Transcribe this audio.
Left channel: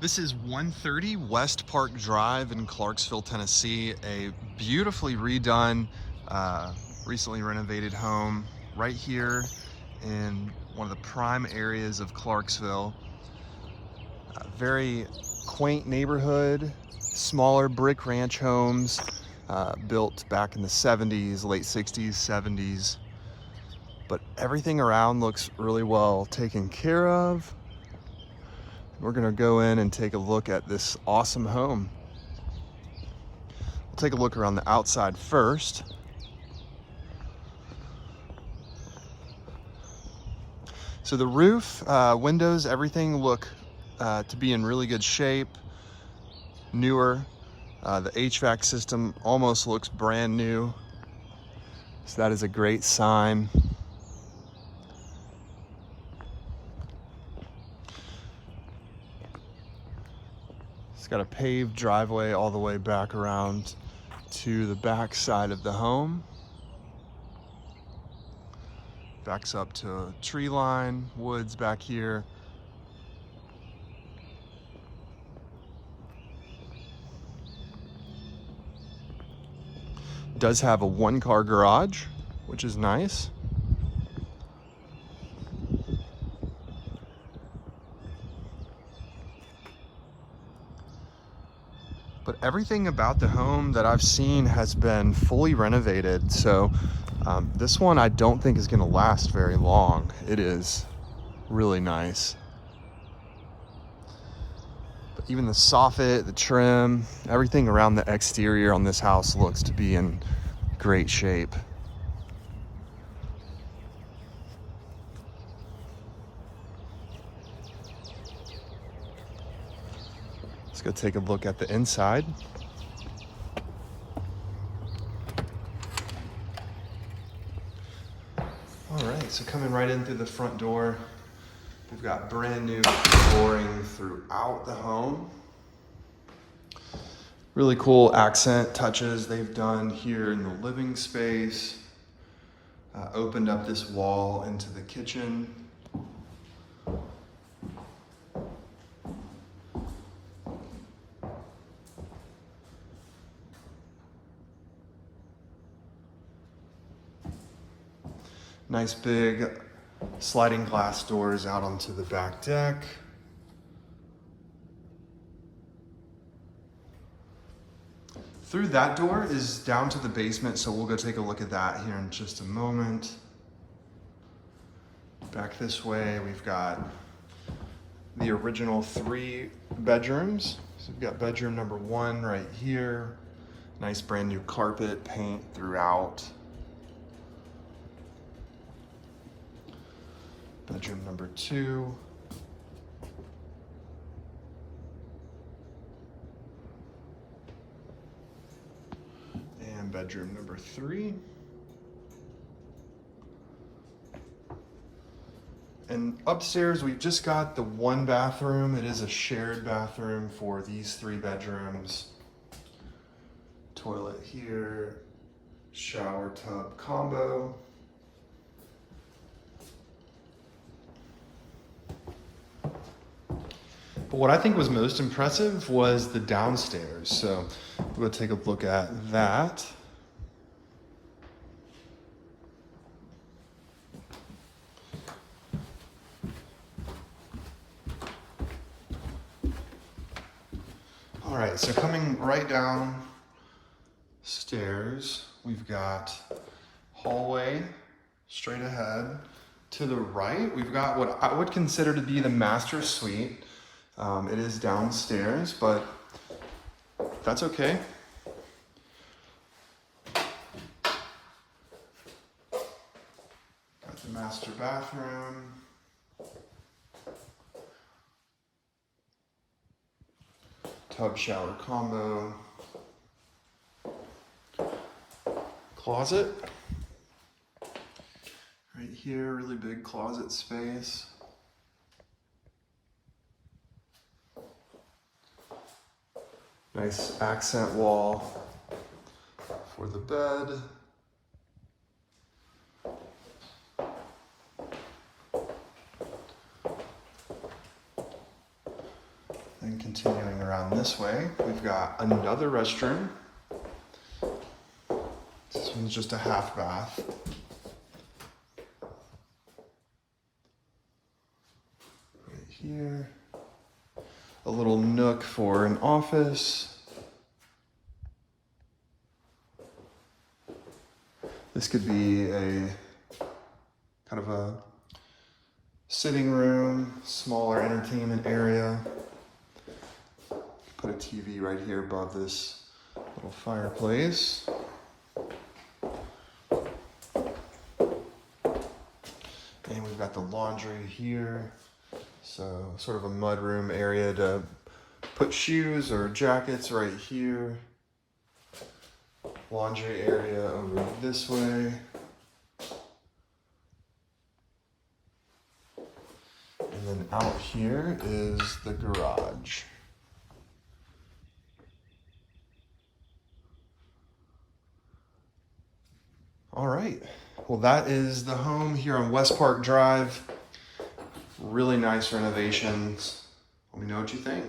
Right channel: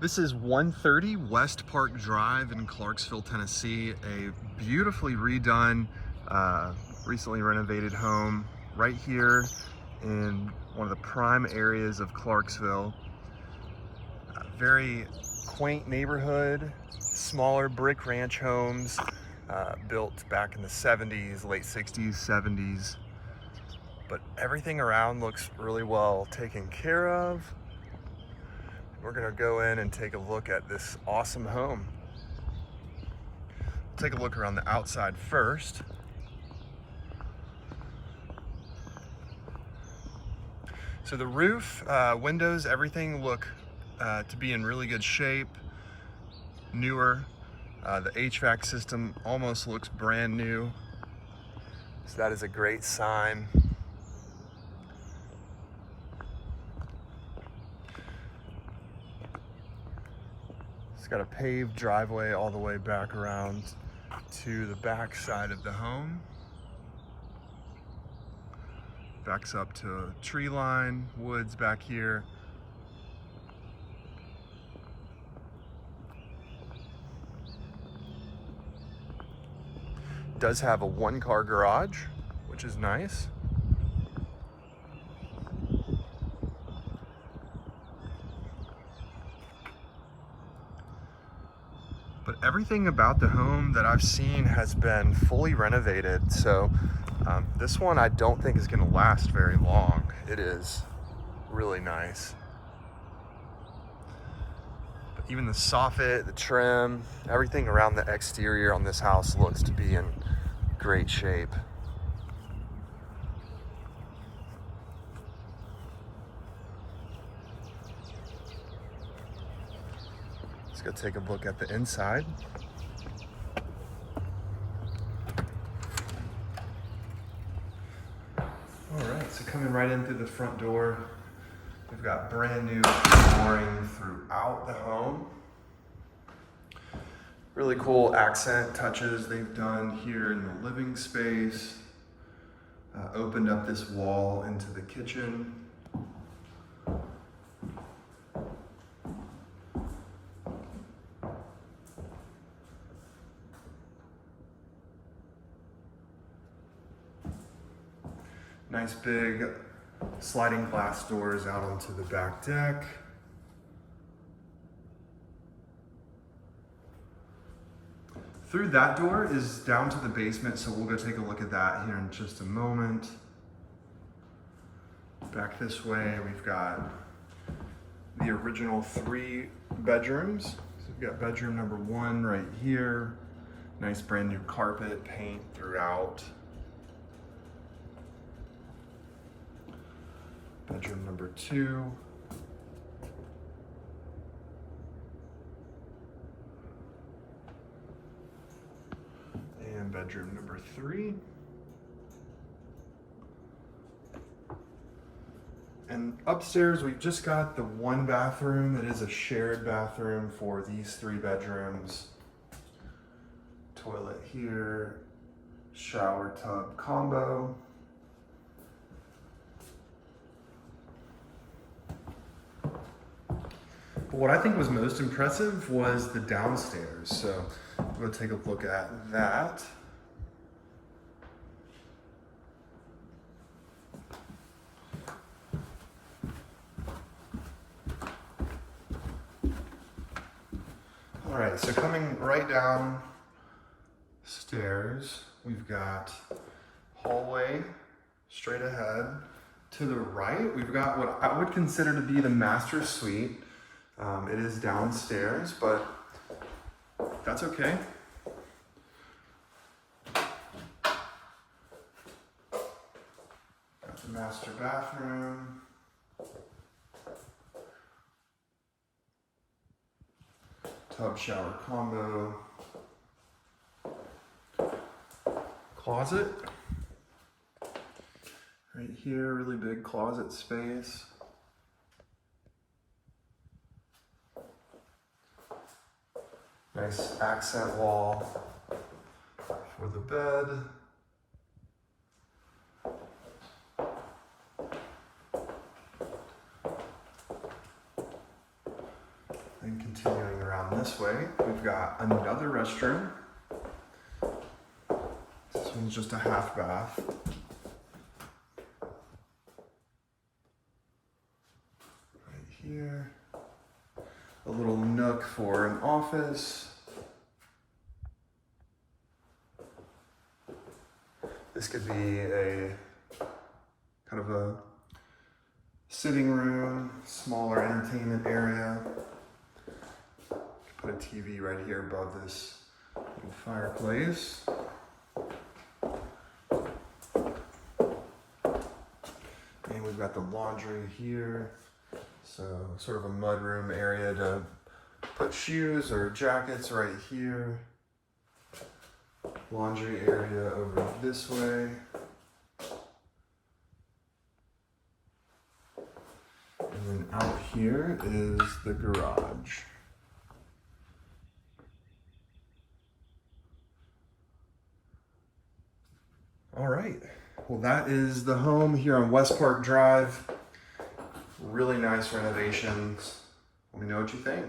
This is 130 West Park Drive in Clarksville, Tennessee. A beautifully redone, recently renovated home right here in one of the prime areas of Clarksville. A very quaint neighborhood, smaller brick ranch homes built back in the 70s, late 60s, 70s. But everything around looks really well taken care of. We're gonna go in and take a look at this awesome home. We'll take a look around the outside first. So the roof, windows, everything look to be in really good shape, newer. The HVAC system almost looks brand new. So that is a great sign. It's got a paved driveway all the way back around to the back side of the home. Backs up to a tree line, woods back here. Does have a one-car garage, which is nice. But everything about the home that I've seen has been fully renovated. So this one I don't think is gonna last very long. It is really nice. But even the soffit, the trim, everything around the exterior on this house looks to be in great shape. Let's go take a look at the inside. All right, so coming right in through the front door, we've got brand new flooring throughout the home. Really cool accent touches they've done here in the living space. Opened up this wall into the kitchen. Nice big sliding glass doors out onto the back deck. Through that door is down to the basement, so we'll go take a look at that here in just a moment. Back this way, we've got the original 3 bedrooms. So we've got bedroom number 1 right here. Nice brand new carpet, paint throughout. Bedroom number 2. And bedroom number 3. And upstairs, we've just got the 1 bathroom. It is a shared bathroom for these 3 bedrooms. Toilet here, shower tub combo. But what I think was most impressive was the downstairs. So we'll take a look at that. All right, so coming right down stairs, we've got hallway straight ahead. To the right, we've got what I would consider to be the master suite. It is downstairs, but that's okay. Got the master bathroom. Tub shower combo. Closet. Right here, really big closet space. Nice accent wall for the bed. And continuing around this way, we've got another restroom. This one's just a half bath. Right here. A little nook for an office. This could be a kind of a sitting room, smaller entertainment area. Put a TV right here above this little fireplace. And we've got the laundry here. So sort of a mudroom area to put shoes or jackets right here. Laundry area over this way. And then out here is the garage. All right, well that is the home here on West Park Drive. Really nice renovations. Let me know what you think.